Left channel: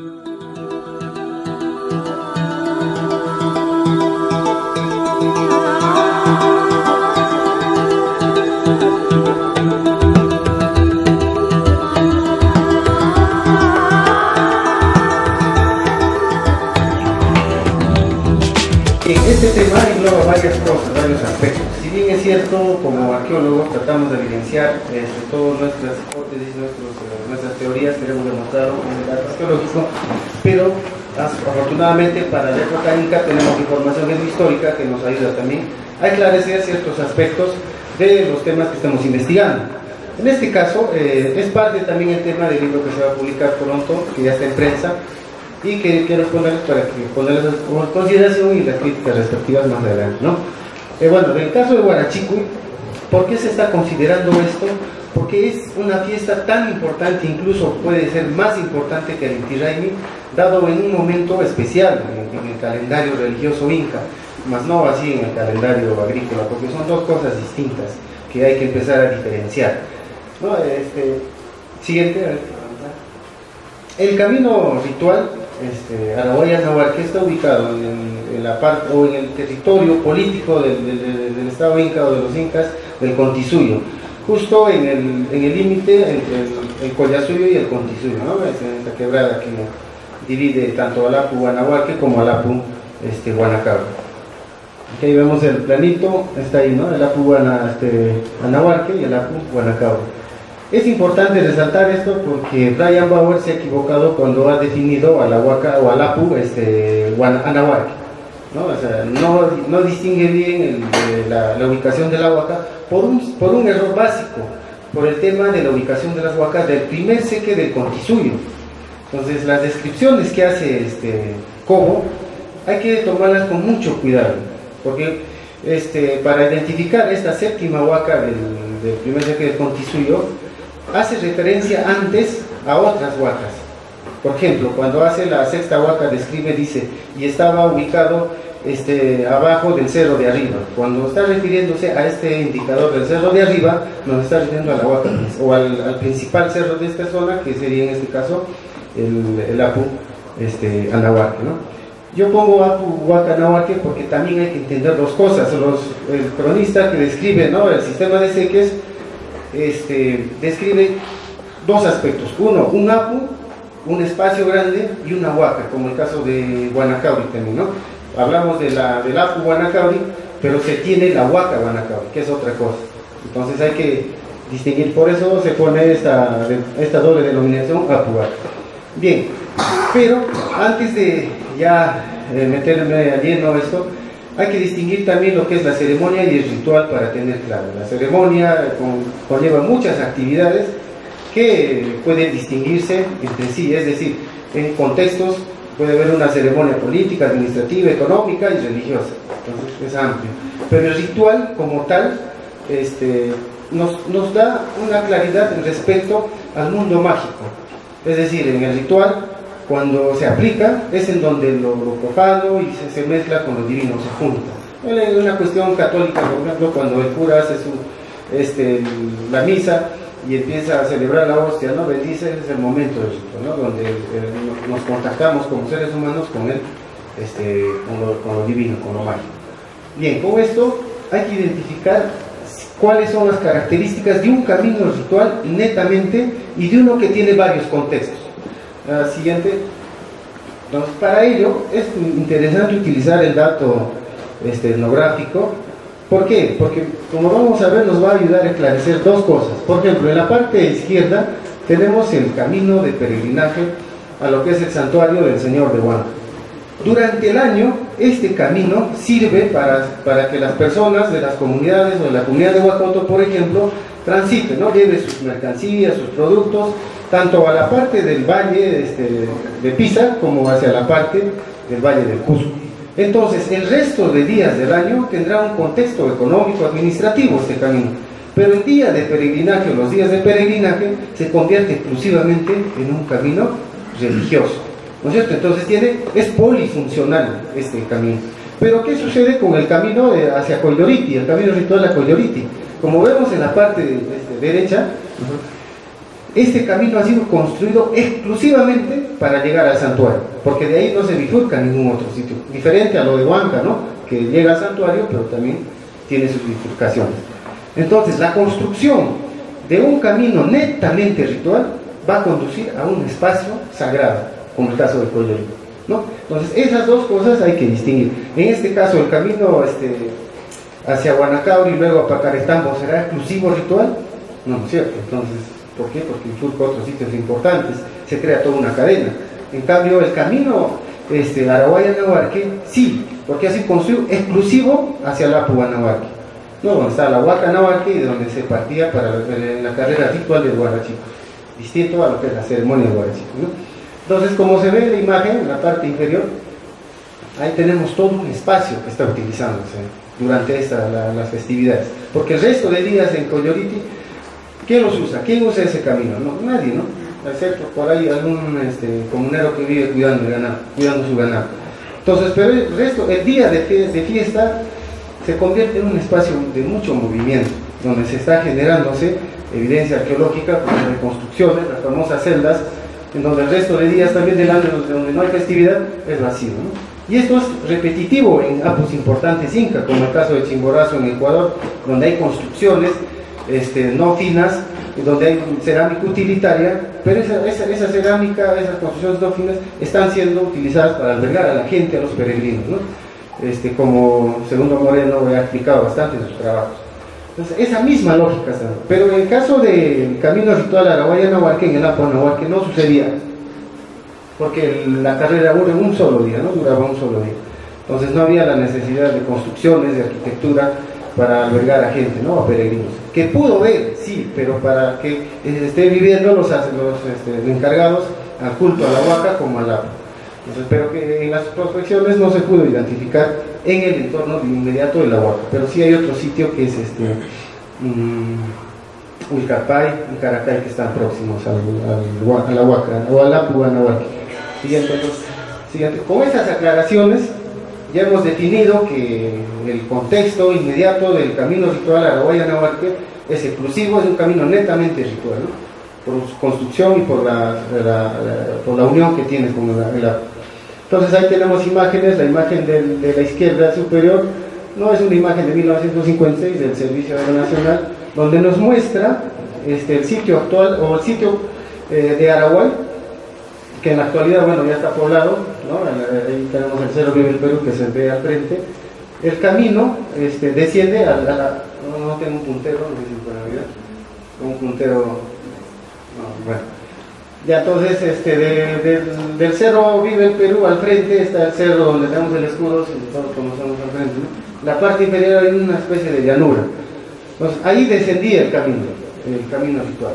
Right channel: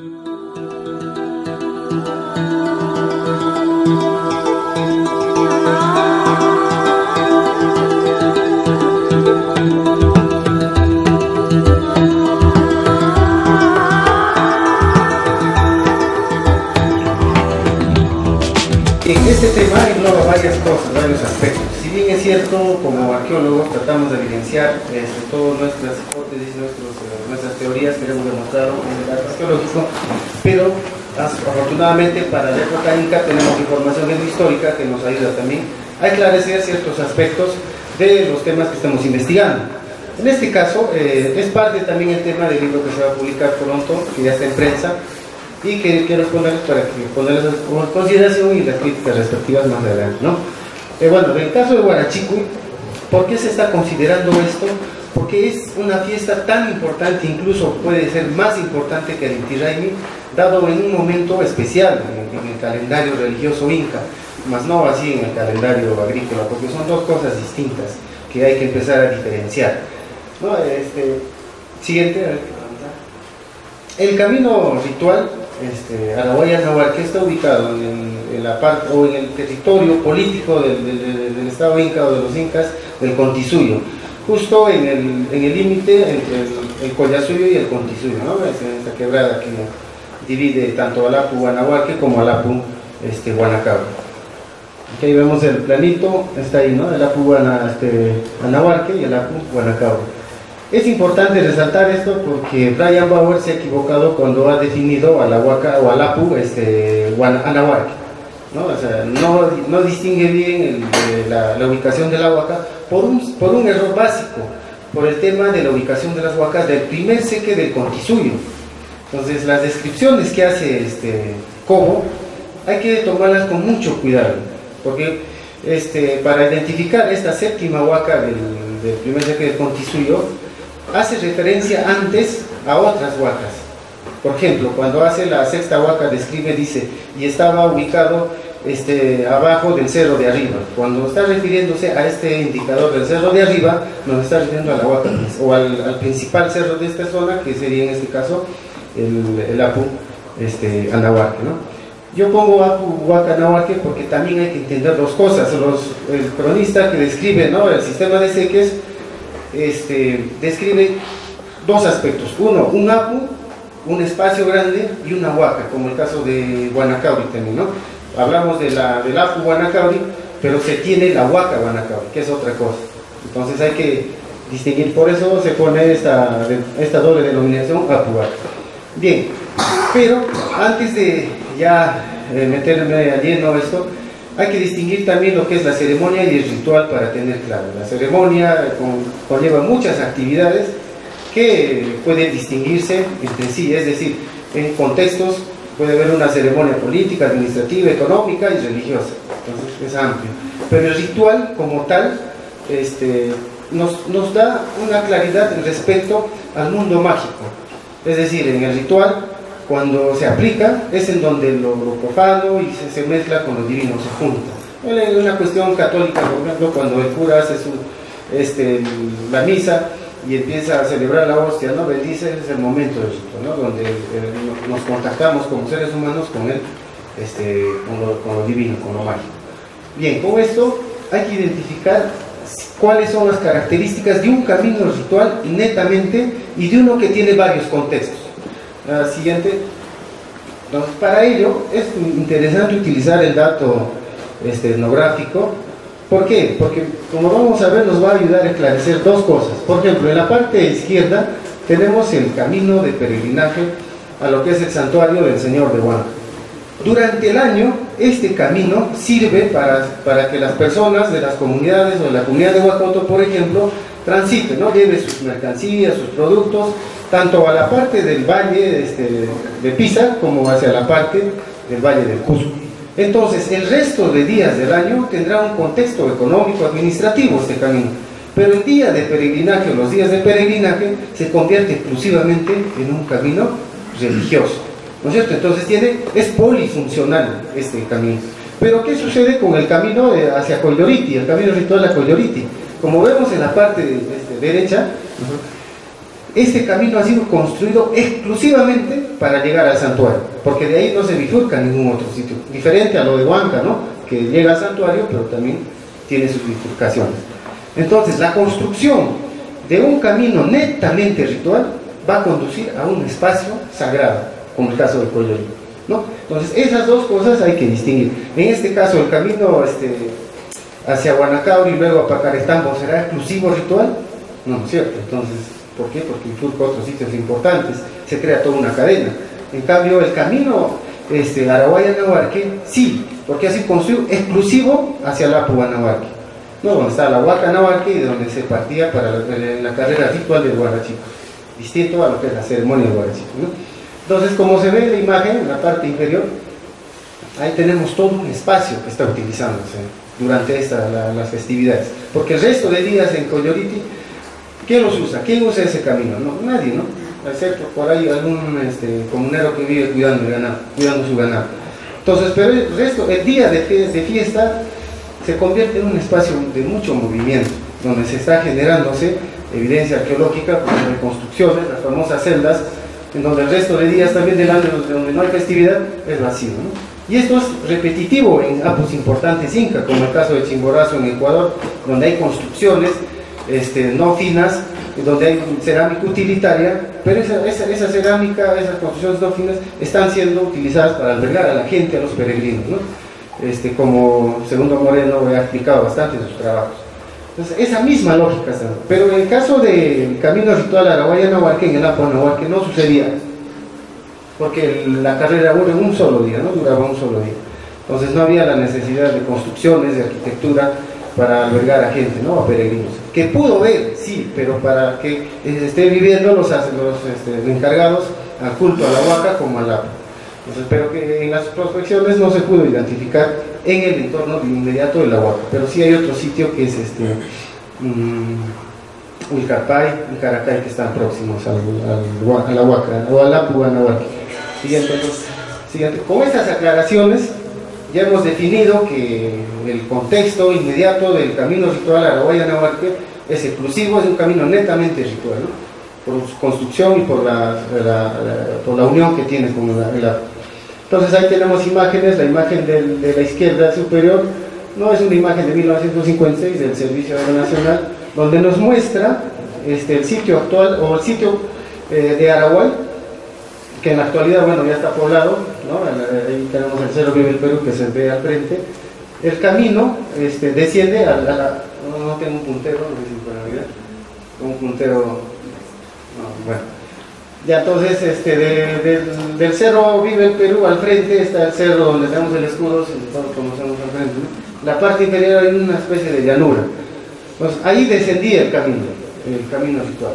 Este tema engloba varias cosas, varios aspectos. Si bien es cierto, como arqueólogos tratamos de evidenciar todas nuestras hipótesis, nuestras teorías, queremos demostrarlo en el dato arqueológico, pero afortunadamente para la época inca tenemos información histórica que nos ayuda también a esclarecer ciertos aspectos de los temas que estamos investigando. En este caso, es parte también el tema del libro que se va a publicar pronto, que ya está en prensa, y que quiero exponerles para que ponerles en consideración y las críticas respectivas más adelante, ¿no? Bueno, en el caso de Huarachicuy, ¿por qué se está considerando esto? Porque es una fiesta tan importante, incluso puede ser más importante que el Inti Raymi, dado en un momento especial en el calendario religioso inca, más no así en el calendario agrícola, porque son dos cosas distintas que hay que empezar a diferenciar, ¿no? Siguiente. El camino ritual Arahuaya-Nahuarque está ubicado en la parte o en el territorio político del estado inca o de los incas del Contisuyo, justo en el límite entre el Collasuyo y el Contisuyo, ¿no? Es esta quebrada que divide tanto Alapu-Guanahuarque como Alapu-Guanacabre. Aquí vemos el planito, está ahí, ¿no? Alapu-Guanahuarque y Alapu-Guanacabre. Es importante resaltar esto porque Brian Bauer se ha equivocado cuando ha definido a la Huaca o Alapu Anahuarque, ¿no? O sea, no distingue bien la ubicación de la Huaca por un error básico, por el tema de la ubicación de las huacas del primer seque del Contisuyo. Entonces las descripciones que hace Cobo hay que tomarlas con mucho cuidado, porque para identificar esta séptima huaca del primer seque del Contisuyo hace referencia antes a otras huacas. Por ejemplo, cuando hace la sexta huaca, describe, dice, y estaba ubicado abajo del cerro de arriba. Cuando está refiriéndose a este indicador del cerro de arriba, nos está refiriendo a la huaca, o al principal cerro de esta zona, que sería en este caso el Apu Anahuarque, ¿no? Yo pongo Apu Huaca Anahuarque porque también hay que entender dos cosas. El cronista que describe, ¿no?, el sistema de seques, describe dos aspectos: uno, un apu, un espacio grande, y una huaca, como el caso de Guanacauri también, ¿no? Hablamos del apu Guanacauri, pero se tiene la huaca Guanacauri, que es otra cosa. Entonces hay que distinguir, por eso se pone esta doble denominación apu huaca. Bien, pero antes de ya meterme a lleno esto, hay que distinguir también lo que es la ceremonia y el ritual para tener claro. La ceremonia conlleva muchas actividades que pueden distinguirse entre sí, es decir, en contextos puede haber una ceremonia política, administrativa, económica y religiosa, entonces es amplio. Pero el ritual como tal nos da una claridad respecto al mundo mágico, es decir, en el ritual, cuando se aplica, es en donde lo profano y se mezcla con lo divino, se junta. Es una cuestión católica, por ejemplo, cuando el cura hace la misa y empieza a celebrar la hostia, ¿no?, bendice, es el momento del rito, ¿no?, donde nos contactamos como seres humanos con con lo divino, con lo mágico. Bien, con esto hay que identificar cuáles son las características de un camino ritual netamente y de uno que tiene varios contextos. La siguiente. Entonces, para ello es interesante utilizar el dato etnográfico. ¿Por qué? Porque, como vamos a ver, nos va a ayudar a esclarecer dos cosas. Por ejemplo, en la parte izquierda tenemos el camino de peregrinaje a lo que es el santuario del Señor de Huanca. Durante el año, este camino sirve para que las personas de las comunidades o de la comunidad de Huacoto, por ejemplo, transiten, ¿no?, lleve sus mercancías, sus productos, tanto a la parte del valle de Pisa como hacia la parte del valle del Cusco. Entonces, el resto de días del año tendrá un contexto económico, administrativo este camino, pero el día de peregrinaje o los días de peregrinaje se convierte exclusivamente en un camino religioso, ¿no es cierto? Entonces es polifuncional este camino. Pero ¿qué sucede con el camino hacia Coyloriti, el camino ritual a Coyloriti? Como vemos en la parte derecha, este camino ha sido construido exclusivamente para llegar al santuario, porque de ahí no se bifurca ningún otro sitio, diferente a lo de Huanca, ¿no? Que llega al santuario, pero también tiene sus bifurcaciones. Entonces, la construcción de un camino netamente ritual va a conducir a un espacio sagrado, como el caso de Coyolito, ¿no? Entonces, esas dos cosas hay que distinguir. En este caso, el camino hacia Huanacauri y luego a Pacarestambo, ¿será exclusivo ritual? No, no es cierto. Entonces, ¿por qué? Porque bifurca otros sitios importantes, se crea toda una cadena. En cambio, el camino Araguaia-Nahuarque, sí, porque ha sido construido exclusivo hacia la Apu-Nahuarque, ¿no? Donde está la Huaca-Nahuarque y de donde se partía para la carrera ritual del Huarachico, distinto a lo que es la ceremonia del Huarachico, ¿no? Entonces, como se ve en la imagen, en la parte inferior, ahí tenemos todo un espacio que está utilizándose durante las festividades, porque el resto de días en Coyoliti, ¿quién los usa? ¿Quién usa ese camino? No, nadie, ¿no? Excepto por ahí algún comunero que vive cuidando su ganado. Entonces, pero el resto, el día de fiesta se convierte en un espacio de mucho movimiento, donde se está generándose evidencia arqueológica, con reconstrucciones, las famosas celdas, en donde el resto de días también del año, donde no hay festividad, es vacío, ¿no? Y esto es repetitivo en apus importantes incas, como el caso de Chimborazo en Ecuador, donde hay construcciones no finas, donde hay cerámica utilitaria, pero esa cerámica, esas construcciones no finas, están siendo utilizadas para albergar a la gente, a los peregrinos, ¿no? Como Segundo Moreno ha explicado bastante en sus trabajos. Entonces, esa misma lógica está. Pero en el caso del camino ritual Araguaia-Nahuarque, en el Apu-Nahuarque, no sucedía, porque la carrera dura un solo día, ¿no? Duraba un solo día. Entonces no había la necesidad de construcciones, de arquitectura para albergar a gente, ¿no? A peregrinos. Que pudo ver, sí, pero para que esté viviendo los encargados al culto a la Huaca como al Apu. Entonces, pero que en las prospecciones no se pudo identificar en el entorno inmediato de la Huaca, pero sí hay otro sitio que es Ulcapay y Caracay, que están próximos a la Huaca o al Apu-Nahuarque. Siguiente. Con estas aclaraciones ya hemos definido que el contexto inmediato del camino ritual Araguaia-Nahuarque es exclusivo, es un camino netamente ritual, ¿no? Por su construcción y por la unión que tiene con el Apu. Entonces ahí tenemos imágenes, la imagen de la izquierda superior no es una imagen de 1956 del Servicio Aéreo Nacional, donde nos muestra el sitio actual o el sitio de Araguay, que en la actualidad, bueno, ya está poblado, ¿no? Ahí tenemos el Cerro Vive el Perú que se ve al frente. El camino desciende no tengo un puntero, no sé si para ver, un puntero, no, bueno. Ya entonces, del Cerro Vive el Perú al frente está el cerro donde tenemos el escudo, si todos conocemos al frente, ¿no? La parte inferior hay una especie de llanura. Entonces, ahí descendía el camino ritual.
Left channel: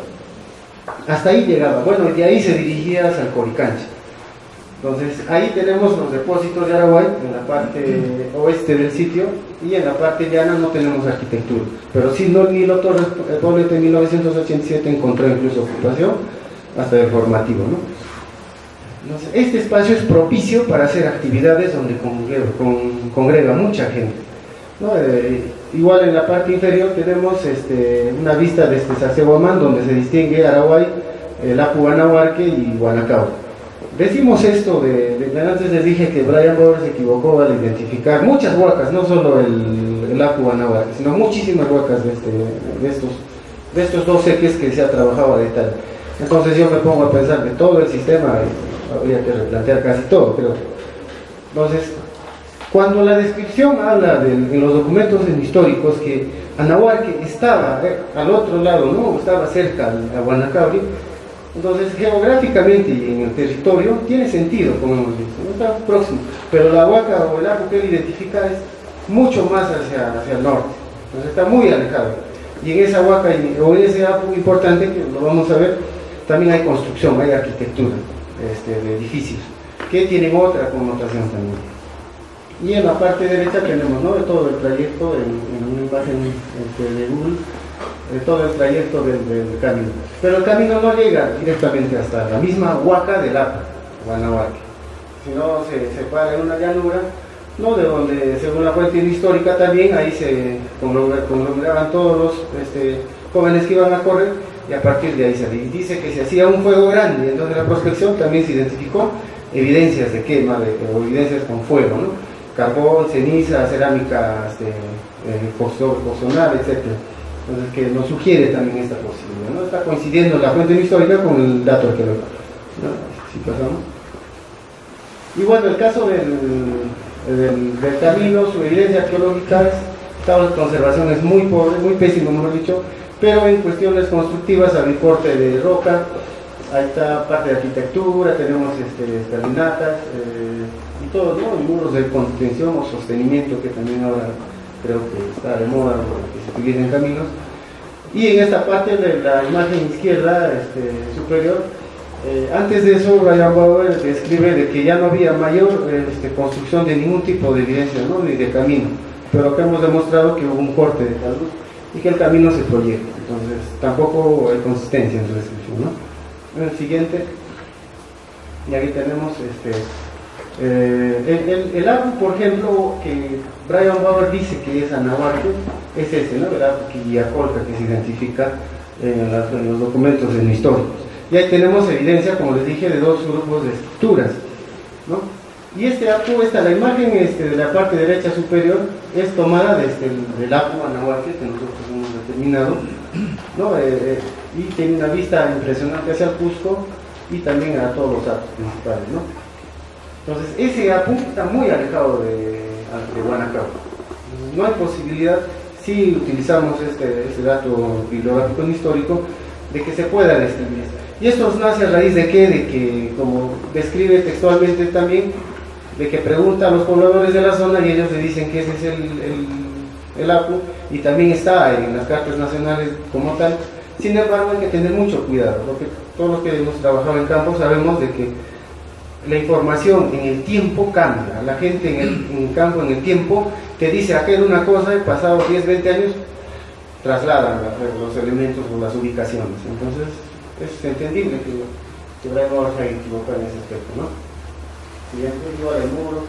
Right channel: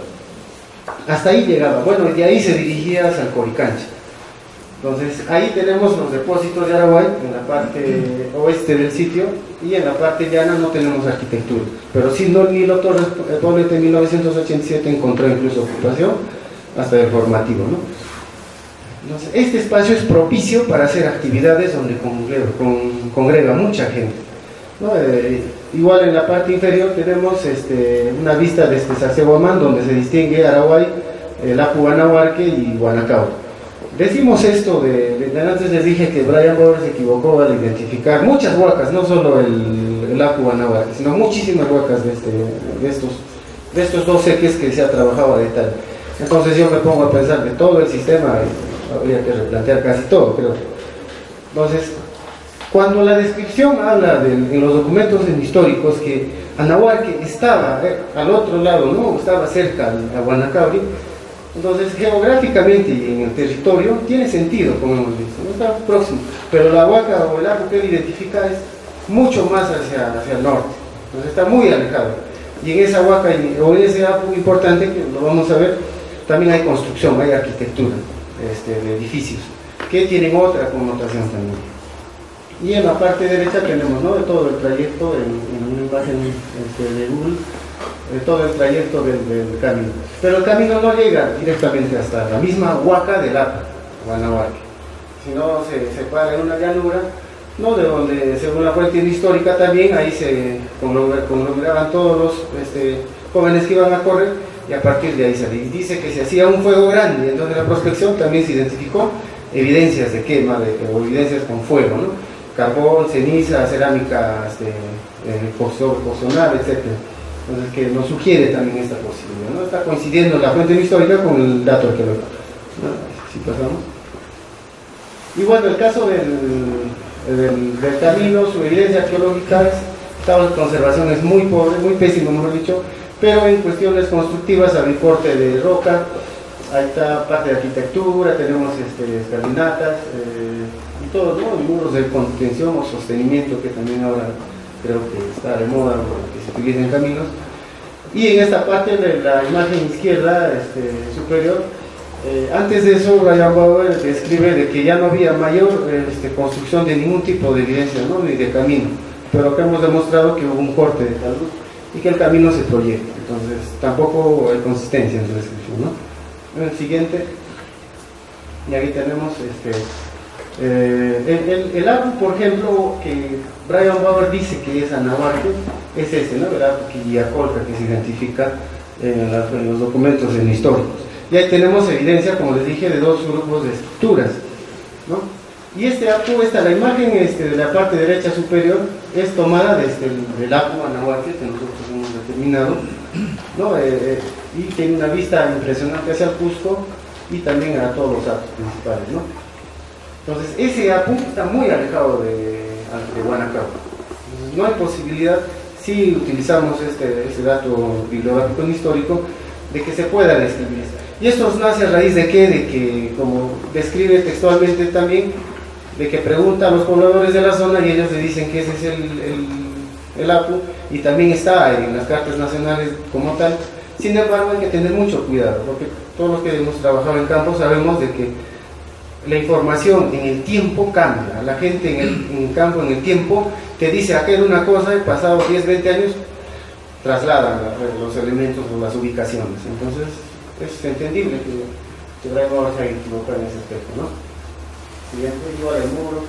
Hasta ahí llegaba, bueno, y de ahí se dirigía hacia el Coricancha. Entonces, ahí tenemos los depósitos de Araguay, en la parte oeste del sitio, y en la parte llana no tenemos arquitectura. Pero sí, Nilo Torres Poblete en 1987 encontró incluso ocupación, hasta el formativo, ¿no? Entonces, este espacio es propicio para hacer actividades donde congrega mucha gente, ¿no? Igual en la parte inferior tenemos una vista desde Sacsayhuamán, donde se distingue Araguay, el Apu-Nahuarque y Huanacauri. Decimos esto, antes les dije que Brian Bauer se equivocó al identificar muchas huacas, no solo el Apu-Nahuarque, sino muchísimas huacas de estos dos ejes que se ha trabajado a detalle. Entonces yo me pongo a pensar que todo el sistema, habría que replantear casi todo, pero entonces, cuando la descripción habla en los documentos históricos que Anahuarque estaba al otro lado, no estaba cerca a Huanacauri, entonces geográficamente y en el territorio tiene sentido, como hemos visto, no está próximo, pero la Huaca o el Apu que él identifica es mucho más hacia el norte, entonces está muy alejado, y en esa Huaca o en ese Apu importante, que lo vamos a ver, también hay construcción, hay arquitectura de edificios que tienen otra connotación también. Y en la parte derecha tenemos, ¿no?, de todo el trayecto, en una imagen de Google, de todo el trayecto del camino. Pero el camino no llega directamente hasta la misma Huaca del Apu, Anahuarque, sino se para en una llanura, ¿no?, de donde, según la fuente histórica también, ahí se conglomeraban todos los jóvenes que iban a correr, y a partir de ahí sale. Y dice que se hacía un fuego grande, entonces en la prospección también se identificó evidencias de quema, o evidencias con fuego, ¿no? Carbón, ceniza, cerámica porcelana, etc. Entonces, que nos sugiere también esta posibilidad, ¿no? Está coincidiendo la fuente histórica con el dato arqueológico, ¿no? Si pasamos. Y bueno, el caso del camino, su evidencia arqueológica, estado de conservación es muy pobre, muy pésimo, mejor dicho, pero en cuestiones constructivas hay corte de roca, ahí está parte de arquitectura, tenemos escalinatas y todo, ¿no? Y muros de contención o sostenimiento, que también ahora creo que está de moda, que se utiliza en caminos. Y en esta parte de la imagen izquierda superior, antes de eso Brian Bauer describe de que ya no había mayor construcción de ningún tipo de evidencia, ¿no? Ni de camino, pero acá hemos demostrado que hubo un corte de tal luz y que el camino se proyecta, entonces tampoco hay consistencia en su descripción, ¿no? En el siguiente, y aquí tenemos el árbol, por ejemplo, que Brian Bauer dice que es Anahuaque, es ¿no? El árbol Quillacolca, que se identifica en los documentos históricos. Y ahí tenemos evidencia, como les dije, de dos grupos de estructuras, ¿no? Y la imagen de la parte derecha superior es tomada desde el Apu Anahuaque, que nosotros hemos determinado, ¿no? Y tiene una vista impresionante hacia el Cusco y también a todos los atos principales, ¿no? Entonces, ese Apu está muy alejado de Huanacao. Entonces, no hay posibilidad, si utilizamos este dato bibliográfico histórico, de que se pueda describir. Y esto nace a raíz de qué? De que, como describe textualmente también, de que pregunta a los pobladores de la zona y ellos le dicen que ese es el Apu, y también está en las cartas nacionales como tal. Sin embargo, hay que tener mucho cuidado, porque todos los que hemos trabajado en campo sabemos de que la información en el tiempo cambia. La gente en el campo, en el tiempo, te dice aquel una cosa y pasados 10, 20 años trasladan los elementos o las ubicaciones. Entonces es entendible que Brian Bauer se haya equivocado en ese aspecto, ¿no? Siguiente, igual el muro.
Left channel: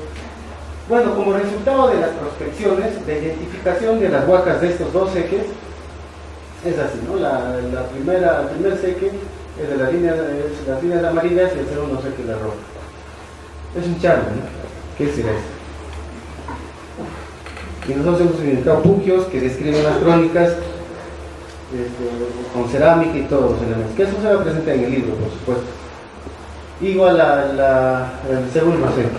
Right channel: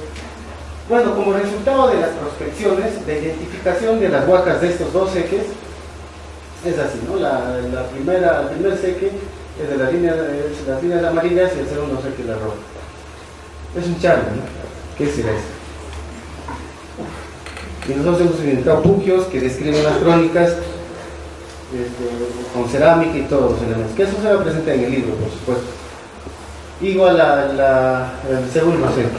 Bueno, como resultado de las prospecciones, la identificación de las huacas de estos dos seques es así, ¿no? El primer seque es de las líneas amarillas y el segundo seque es la roja. Es un charco, ¿no? ¿Qué será eso? Y nosotros hemos identificado puquios que describen las crónicas con cerámica y todos los elementos, que eso se va a presentar en el libro, por supuesto. Igual el segundo seque, es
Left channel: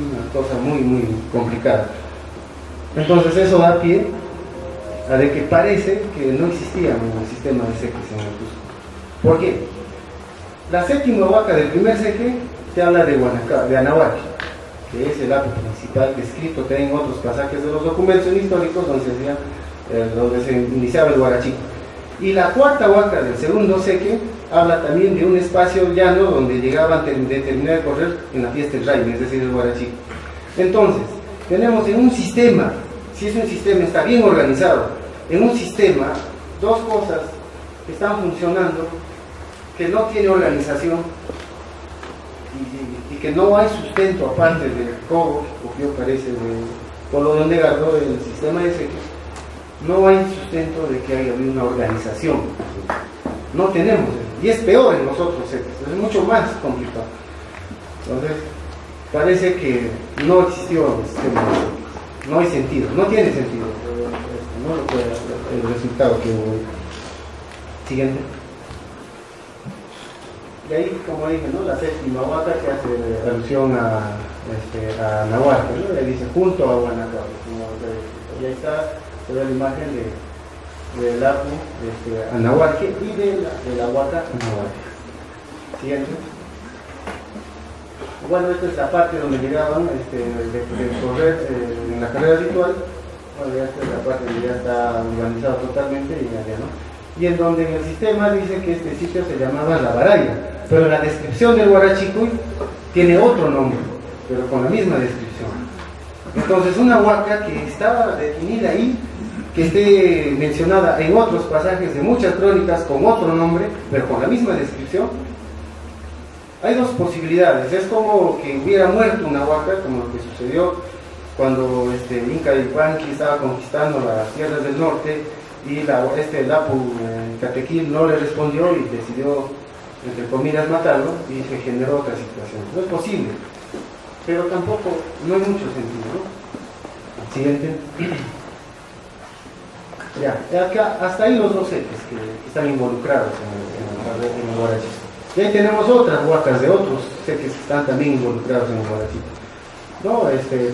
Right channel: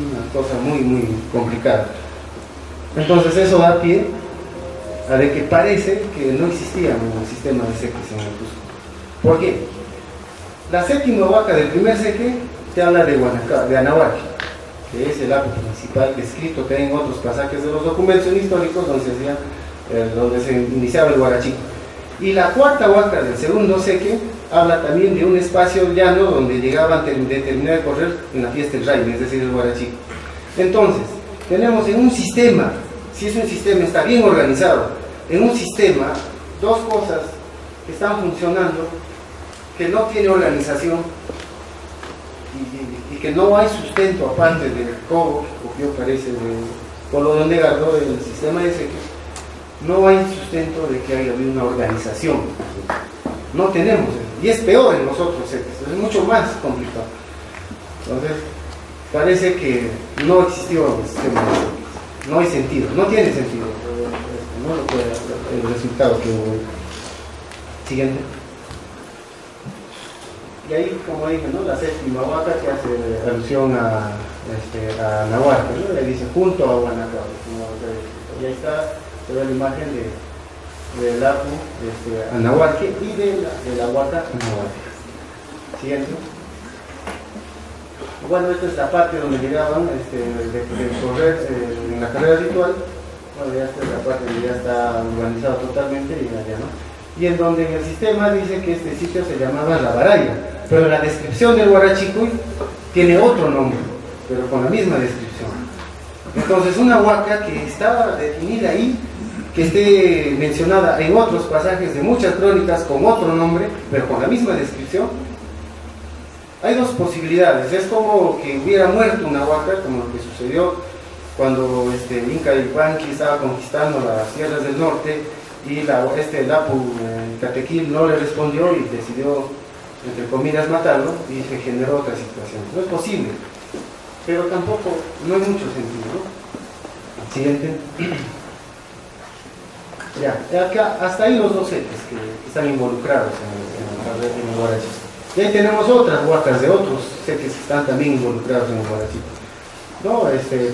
una cosa muy, muy complicada. Entonces eso da pie a de que parece que no existía un sistema de seques en el Cusco. ¿Por qué? La séptima huaca del primer seque te habla de Anahuaque, que es el Apu principal descrito que hay en otros pasajes de los documentos históricos donde se iniciaba el Huarachico. Y la cuarta huaca del segundo seque habla también de un espacio llano donde llegaban a terminar de correr en la fiesta del Raime, es decir, el Huarachico. Entonces, tenemos en un sistema, si es un sistema, está bien organizado, en un sistema, dos cosas que están funcionando, que no tiene organización y que no hay sustento aparte del cobo, que cogió parece de Polo de Gardo, el sistema de seques, no hay sustento de que haya habido una organización. No tenemos eso. Y es peor en los otros seques, es mucho más complicado. Entonces, parece que no existió el sistema de seques. No hay sentido, no tiene sentido. No lo puede, el resultado que hubo. Siguiente. Y ahí, como dije, ¿no? La séptima huaca que hace alusión a Anahuaque, ¿no? Le dice junto a Huanacao. Y ahí está toda la imagen del Apu Anahuaque y de la huaca Anahuaque. Siguiente. Bueno, esta es la parte donde llegaban de correr en la carrera ritual. Bueno, ya esta es la parte donde ya está urbanizado totalmente y ya, ¿no? Y en donde en el sistema dice que este sitio se llamaba La Baraya, pero la descripción del Huarachicuy tiene otro nombre, pero con la misma descripción. Entonces, una huaca que estaba definida ahí, que esté mencionada en otros pasajes de muchas crónicas con otro nombre, pero con la misma descripción, hay dos posibilidades. Es como que hubiera muerto una huaca, como lo que sucedió cuando Inca Yupanqui estaba conquistando las tierras del norte y el Apu Catequil no le respondió y decidió, entre comillas, matarlo, y se generó otra situación. No es posible, pero tampoco, no hay mucho sentido, ¿no? Siguiente. Ya, acá, hasta ahí los dos entes que están involucrados en el Guarachito. Y ahí tenemos otras huacas de otros seques que están también involucrados en el Guarachito, ¿no?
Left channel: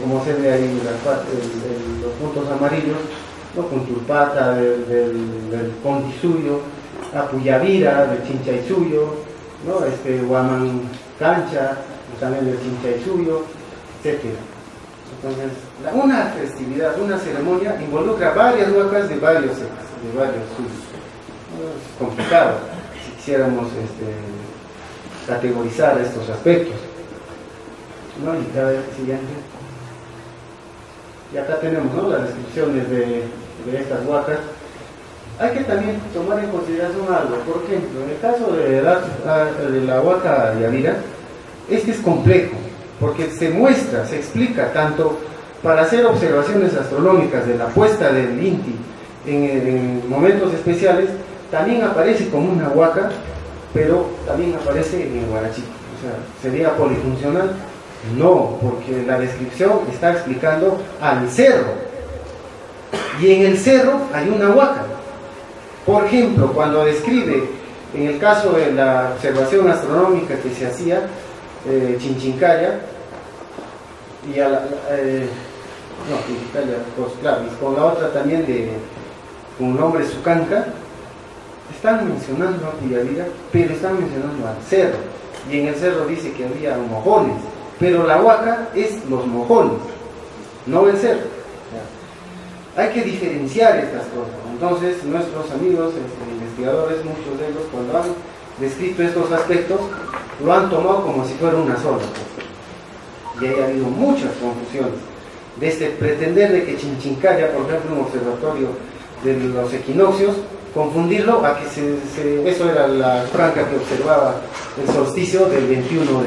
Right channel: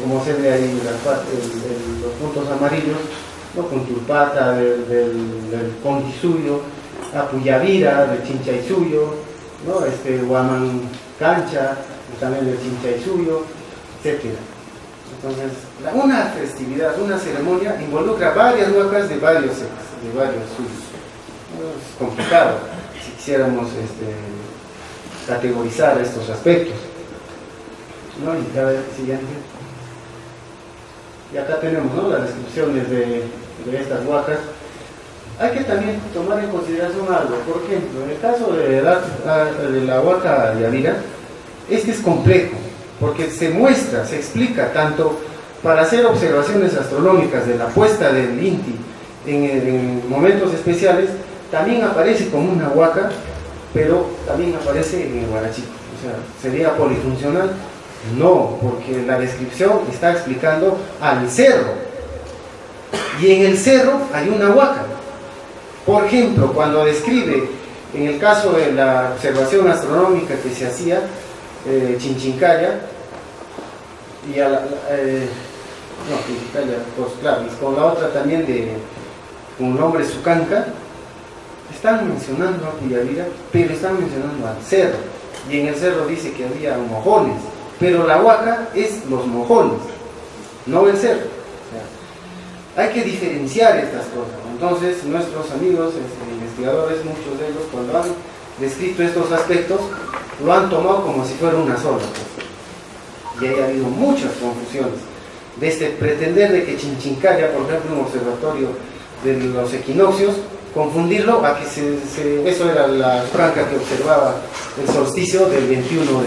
Como se ve ahí los puntos amarillos, ¿no? Punturpata del Contisuyo, Apuyavira del Chinchaysuyo, ¿no? Huaman Cancha también del Chinchaysuyo, etc. Entonces, una festividad, una ceremonia involucra varias huacas de varios suyos. Es complicado si quisiéramos categorizar estos aspectos, ¿no? Y a ver, siguiente. Y acá tenemos, ¿no?, las descripciones de estas huacas. Hay que también tomar en consideración algo. Por ejemplo, en el caso de la huaca Yavira, este es complejo, porque se muestra, se explica tanto para hacer observaciones astronómicas de la puesta del Inti en momentos especiales, también aparece como una huaca, pero también aparece en el Guarachito. O sea, ¿sería polifuncional? No, porque la descripción está explicando al cerro, y en el cerro hay una huaca. Por ejemplo, cuando describe, en el caso de la observación astronómica que se hacía, Chinchincaya, y Chinchincaya, pues claro, y con la otra también con el nombre Sucanca, están mencionando a Puyavira, pero están mencionando al cerro, y en el cerro dice que había mojones, pero la huaca es los mojones, no el cerro. O sea, hay que diferenciar estas cosas. Entonces, nuestros amigos investigadores, muchos de ellos, cuando han descrito estos aspectos, lo han tomado como si fuera una sola cosa. Y ha habido muchas confusiones. Desde pretender de que Chinchincaya, por ejemplo, un observatorio de los equinoccios, confundirlo a que eso era la franca que observaba el solsticio del 21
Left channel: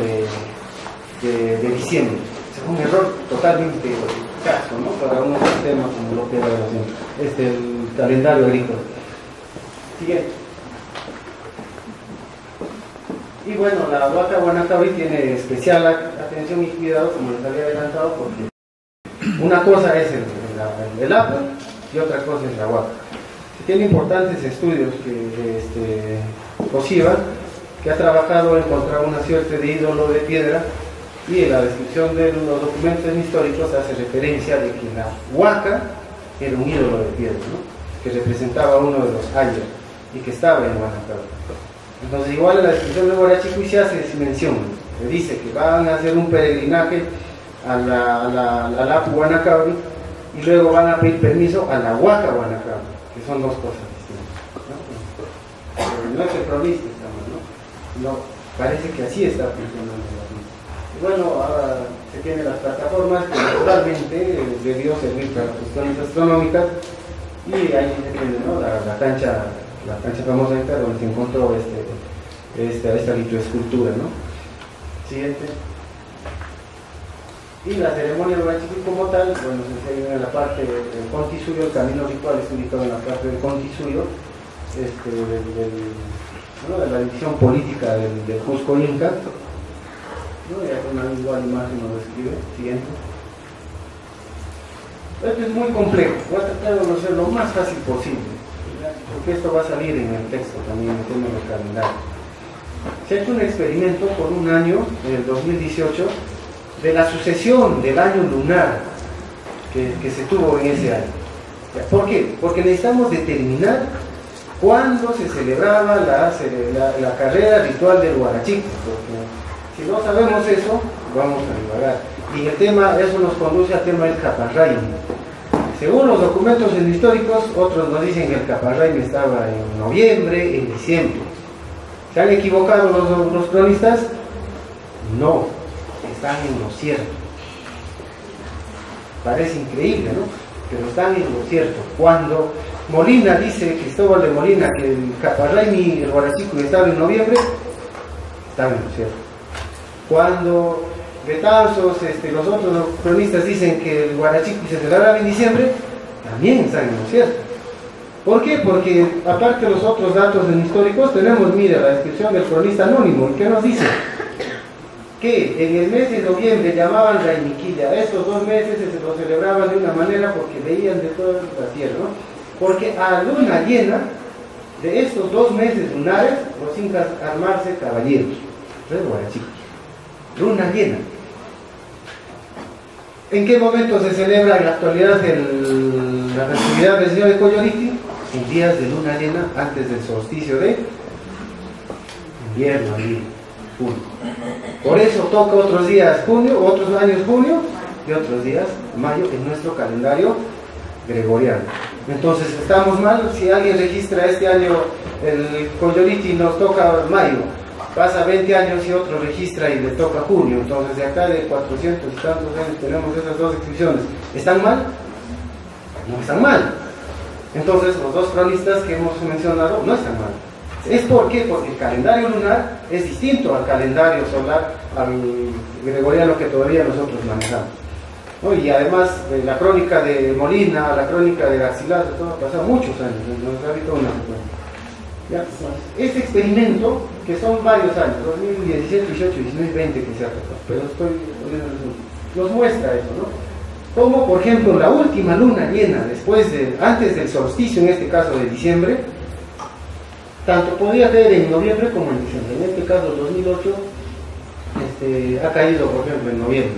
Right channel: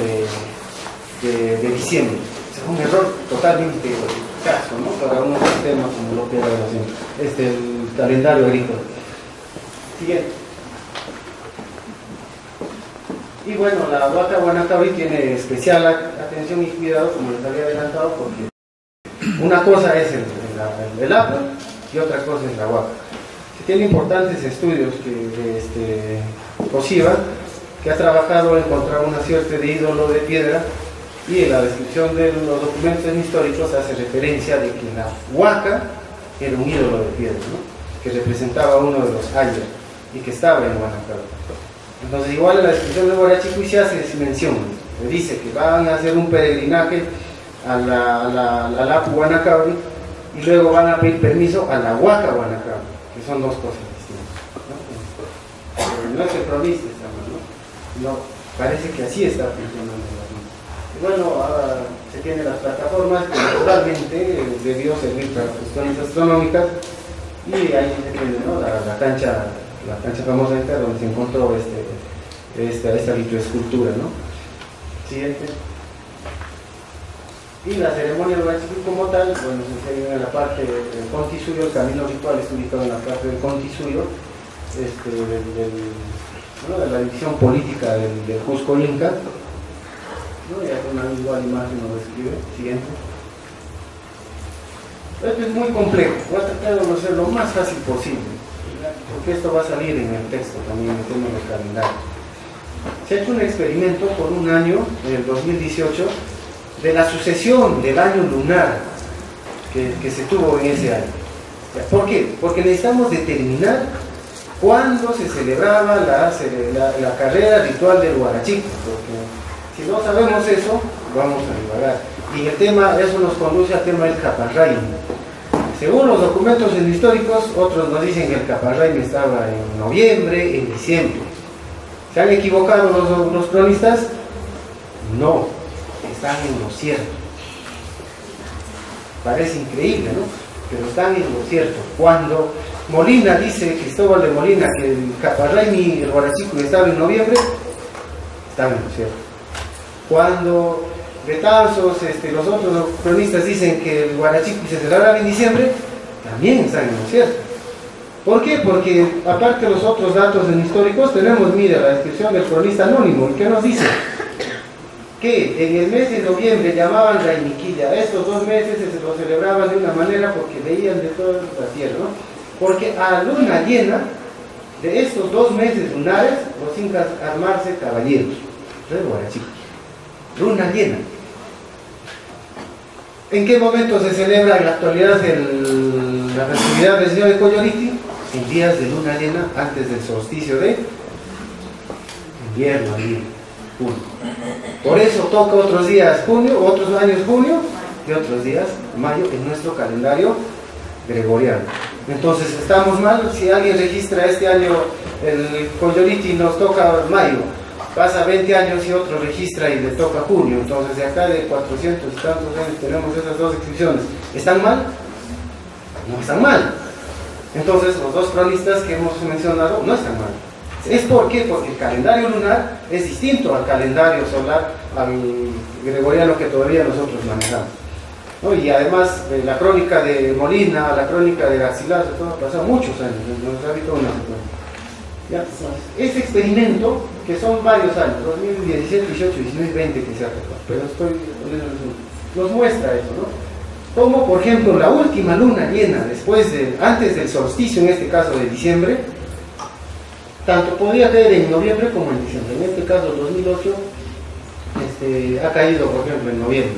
de diciembre. Es un error totalmente caso, ¿no?, para un sistema como lo que era el calendario agrícola. Siguiente. Y bueno, la huaca Guanacaví tiene especial atención y cuidado, como les había adelantado, porque una cosa es el agua y otra cosa es la huaca. Se tienen importantes estudios de COSIVA, que ha trabajado en encontrar una suerte de ídolo de piedra, y en la descripción de los documentos históricos hace referencia de que la huaca era un ídolo de piedra, ¿no?, que representaba a uno de los ayers y que estaba en Guanacaví. Entonces, igual en la descripción de Guarachicuy se hace mención, le dice que van a hacer un peregrinaje a la Apu Guanacaví y luego van a pedir permiso a la huaca Guanacaví, que son dos cosas distintas, ¿no? No es el cronista, ¿no? Parece que así está funcionando la cosa. Y bueno, ahora se tienen las plataformas que naturalmente debió servir para cuestiones astronómicas, y ahí se tiene, ¿no?, la cancha famosa donde se encontró esta litoescultura, ¿no? Siguiente. Y la ceremonia de Guarachicuy como tal, bueno, se enseña en la parte del Contisuyo. El camino ritual está ubicado en la parte del Contisuyo, ¿no?, de la división política del Cusco Inca, ¿no? Y aquí una igual imagen lo describe. Siguiente. Esto es muy complejo, voy a tratar de hacerlo lo más fácil posible, porque esto va a salir en el texto también, en tema de calendario. Se ha hecho un experimento por un año, en el 2018, de la sucesión del año lunar que se tuvo en ese año. ¿Por qué? Porque necesitamos determinar cuándo se celebraba la carrera ritual del Guarachito, porque si no sabemos eso, vamos a divagar. Y el tema, eso nos conduce al tema del Caparraimi. Según los documentos históricos, otros nos dicen que el Caparraimi estaba en noviembre, en diciembre. ¿Se han equivocado los cronistas? No, están en lo cierto. Parece increíble, ¿no? Pero están en lo cierto. Cuando Molina dice, Cristóbal de Molina, que el Caparraimi, el Guarachicuy, estaba en noviembre, están en lo cierto. Cuando Betanzos, los otros cronistas dicen que el Guarachicuy se celebraba en diciembre, también están en lo cierto. ¿Por qué? Porque aparte de los otros datos históricos tenemos, mira, la descripción del cronista anónimo, que nos dice que en el mes de noviembre llamaban Rainiquilla. Estos 2 meses se lo celebraban de una manera porque veían de toda la tierra, ¿no? Porque a luna llena de estos 2 meses lunares, los incas armarse caballeros. Luna llena. ¿En qué momento se celebra en la actualidad la festividad del Señor de Coyoliti? En días de luna llena, antes del solsticio de invierno, junio. Por eso toca otros días junio, otros años junio y otros días mayo en nuestro calendario gregoriano. Entonces estamos mal si alguien registra este año el Coyoliti y nos toca mayo, pasa 20 años y otro registra y le toca junio. Entonces de acá de 400 y tantos años tenemos esas 2 inscripciones. ¿Están mal? No están mal. Entonces los 2 cronistas que hemos mencionado no están mal. ¿Es por qué? Porque el calendario lunar es distinto al calendario solar, al gregoriano que todavía nosotros manejamos, ¿no? Y además la crónica de Molina, la crónica de Garcilaso, todo ha pasado muchos años, nos ha habido una secuencia. Este experimento, que son varios años, 2017, 18, 19, 20 que se ha tocado, pero nos muestra eso, ¿no? Como por ejemplo la última luna llena antes del solsticio, en este caso de diciembre, tanto podía caer en noviembre como en diciembre. En este caso, 2008 ha caído, por ejemplo, en noviembre.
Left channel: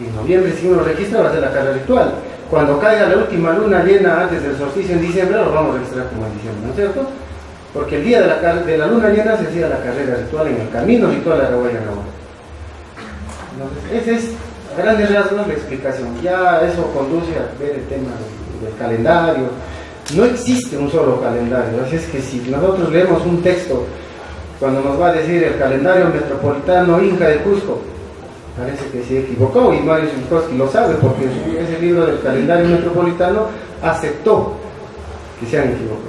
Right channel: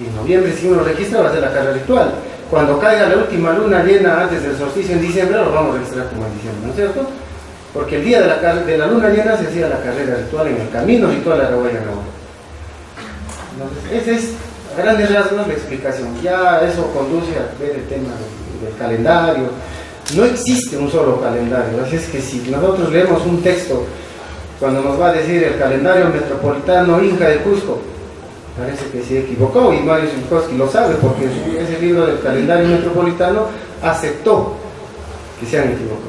Y en noviembre, si uno registra, va a ser la carrera ritual. Cuando caiga la última luna llena antes del solsticio en diciembre, lo vamos a registrar como en diciembre, ¿no es cierto? Porque el día de la luna llena se hacía la carrera ritual en el camino ritual a Rahuayana. Entonces, esa es, a grandes rasgos, la explicación. Ya eso conduce a ver el tema del calendario. No existe un solo calendario, así es que si nosotros leemos un texto, cuando nos va a decir el calendario metropolitano Inca de Cusco, parece que se equivocó, y Mario Zulkowski lo sabe, porque ese libro del calendario metropolitano aceptó que se han equivocado.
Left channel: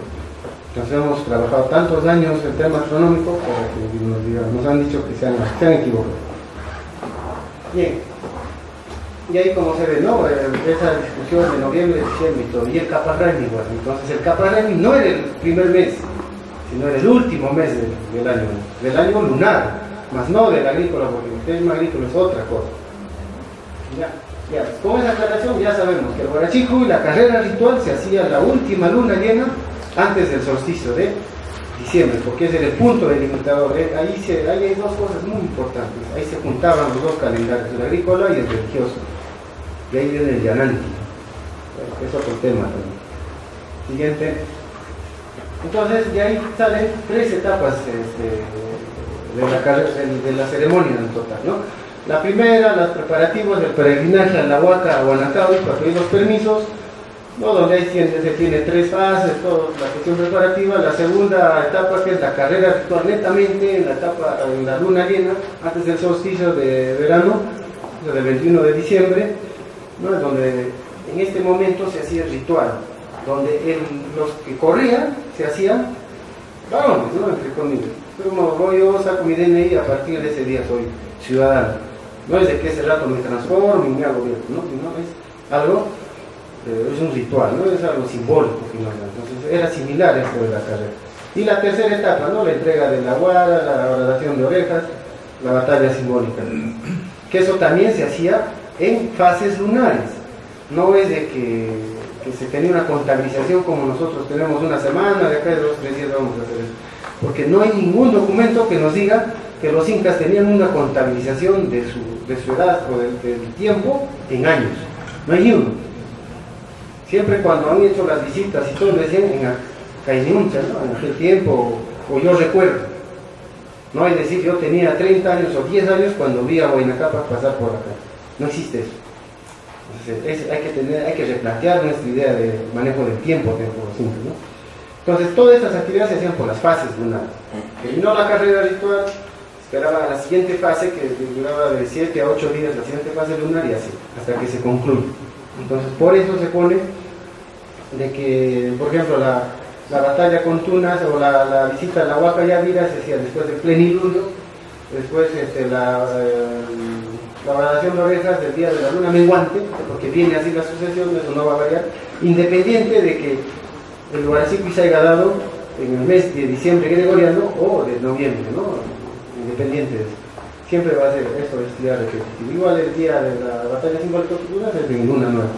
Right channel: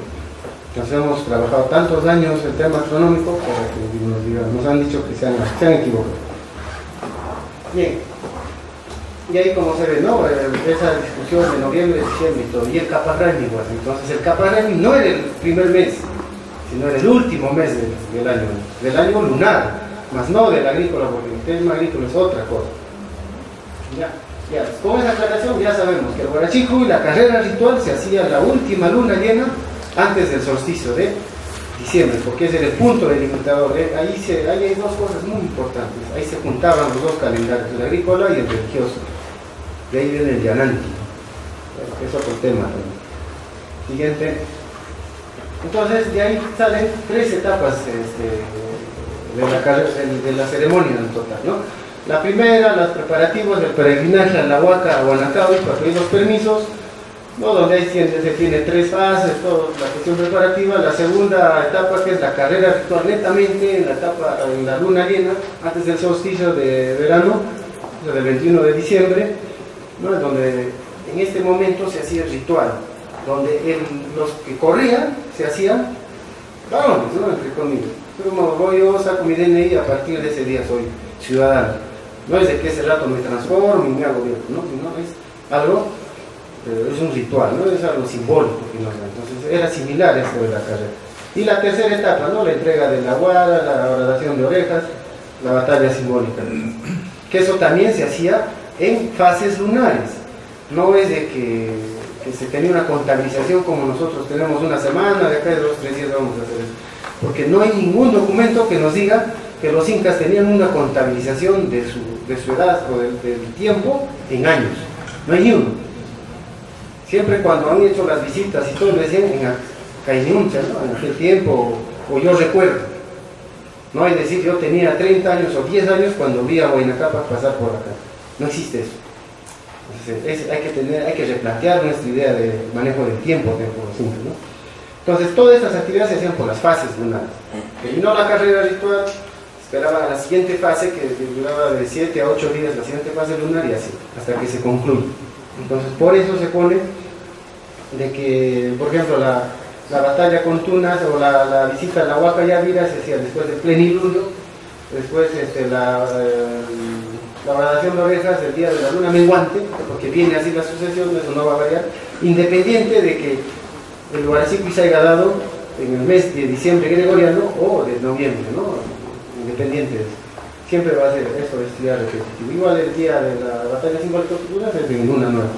Entonces hemos trabajado tantos años el tema astronómico para que nos han dicho que se han equivocado. Bien. Y ahí como se ve, ¿no? Esa discusión de noviembre, diciembre y todo. Y el Caparrami igual. Entonces el Caparrami no era el primer mes, sino era el último mes del año lunar, más no del agrícola, porque el tema agrícola es otra cosa. Ya, con esa aclaración ya sabemos que el Huarachico y la carrera ritual se hacía la última luna llena antes del solsticio de diciembre, porque ese era el punto delimitador. Ahí hay 2 cosas muy importantes. Ahí se juntaban los 2 calendarios, el agrícola y el religioso. De ahí viene el Yananti. Es otro tema también. Siguiente. Entonces, de ahí salen 3 etapas de la ceremonia en total, ¿no? La primera, los preparativos del peregrinaje a la Huaca, a Guanacawi, para pedir los permisos, ¿no? Donde ahí se tiene 3 fases, toda la cuestión preparativa. La segunda etapa, que es la carrera ritual netamente, en la luna llena, antes del solsticio de verano, del 21 de diciembre, ¿no? Donde en este momento se hacía el ritual, donde los que corrían se hacían varones, ¿no? Entre comillas. Como yo saco mi DNI, a partir de ese día soy ciudadano. No es de que ese rato me transformo y me hago viejo, ¿no? Sino es algo, es un ritual, ¿no? Es algo simbólico. Entonces era similar esto de la carrera. Y la tercera etapa, ¿no? La entrega de la guara, la horadación de orejas, la batalla simbólica. Que eso también se hacía en fases lunares. No es de que se tenía una contabilización como nosotros tenemos una semana, de acá de 2 o 3 días vamos a hacer eso. Porque no hay ningún documento que nos diga que los incas tenían una contabilización de su edad o del tiempo en años. No hay ni uno. Siempre cuando han hecho las visitas y todo, decían en Cainuncha, ¿no? En aquel tiempo, o yo recuerdo. No hay decir yo tenía 30 años o 10 años cuando vi a Huayna Cápac pasar por acá. No existe eso. Entonces, hay que replantear nuestra idea de manejo del tiempo dentro de los incas, ¿no? Entonces todas estas actividades se hacían por las fases lunares. Terminó la carrera ritual, esperaba la siguiente fase, que duraba de 7 a 8 días la siguiente fase lunar, y así, hasta que se concluye. Entonces por eso se pone de que, por ejemplo, la batalla con Tunas o la visita a la Huaca Yavira se hacía después del plenilunio, después la horadación de orejas del día de la luna menguante, porque viene así la sucesión, eso no va a variar, independiente de que el Huaracipi se haya dado en el mes de diciembre gregoriano o de noviembre, ¿no? Independiente de eso. Siempre va a ser esto, este día repetitivo. Igual el día de la batalla simbólica es en luna nueva.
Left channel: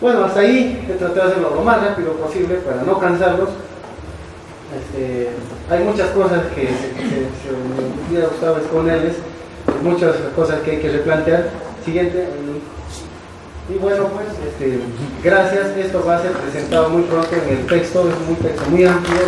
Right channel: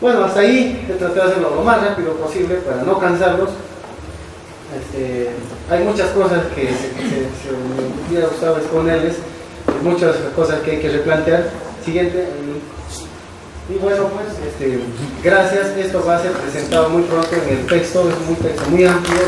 Bueno, hasta ahí he tratado de hacerlo lo más rápido posible para no cansarlos. Hay muchas cosas que me hubiera gustado exponerles, muchas cosas que hay que replantear. Siguiente. Y bueno, pues, gracias. Esto va a ser presentado muy pronto en el texto, es un texto muy amplio.